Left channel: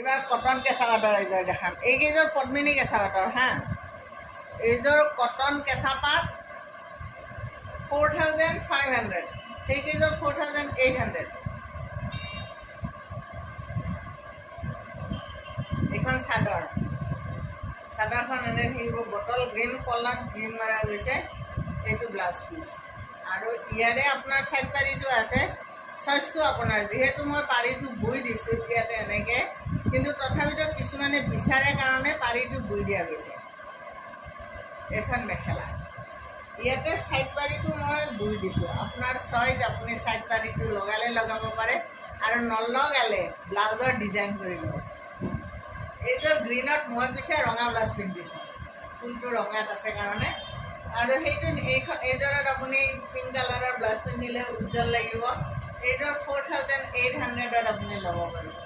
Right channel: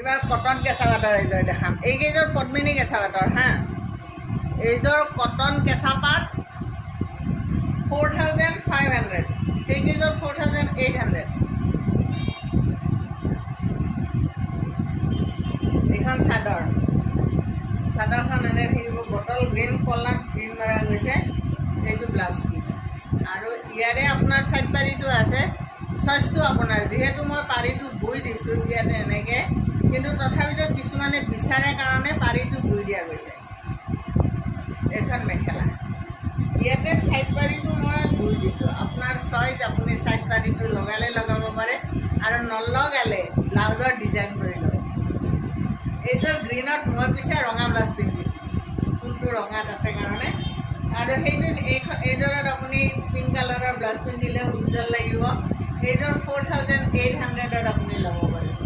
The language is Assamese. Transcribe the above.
এবাৰ কটন কেঁচা পাটৰ এইযোৰ দেখাম। এইকেইযোৰ পদ্মিনী কেঁচা পাটৰ হা। এইযোৰ কটন কেঁচা পাট 4500, সেইকেইযোৰ 4800। এইখন চাদৰ, চাদৰখন এনে থাকিব বটল গ্ৰীণ, কলাত গ্ৰীণ মৰা গৈছে। এইটো ব্লাউজ পিচ আৰু ইয়াৰে আপোনাৰ চাইড পাৰিটো আছে। চইচটো আপোনাৰ, যিহেতু মই পাৰিটো বৈ দিছোঁ ইয়াতে এনেকৈ, কিন্তু তথাপিতো কিছুমানে বিচাৰে কাৰণে পাৰিটো বৈ দিয়া গৈছে। এইখন মেখেলা, ইয়াতে চাইড পাৰিটো মই বৈ দিছোঁ। আপোনাৰ চইচ, আপুনি চাইড পাৰিটো লগালে লগাব পাৰে আৰু নলগালে ব্লাউজৰ ডিজাইন কৰি ল'ব। এইযোৰ গ্ৰীণত মই পিছে ৰঙা ব্লাউজ পিন্ধিছোঁ, ফুলটো ৰঙাত আছে কাৰণে। আৰু সেইটো এইযোৰত আপুনি পিংক কালাৰৰ ব্লাউজ পিন্ধিলে উজ্জ্বল লাগিব। এইযোৰ 4800ত আপুনি ল'ব পাৰিব।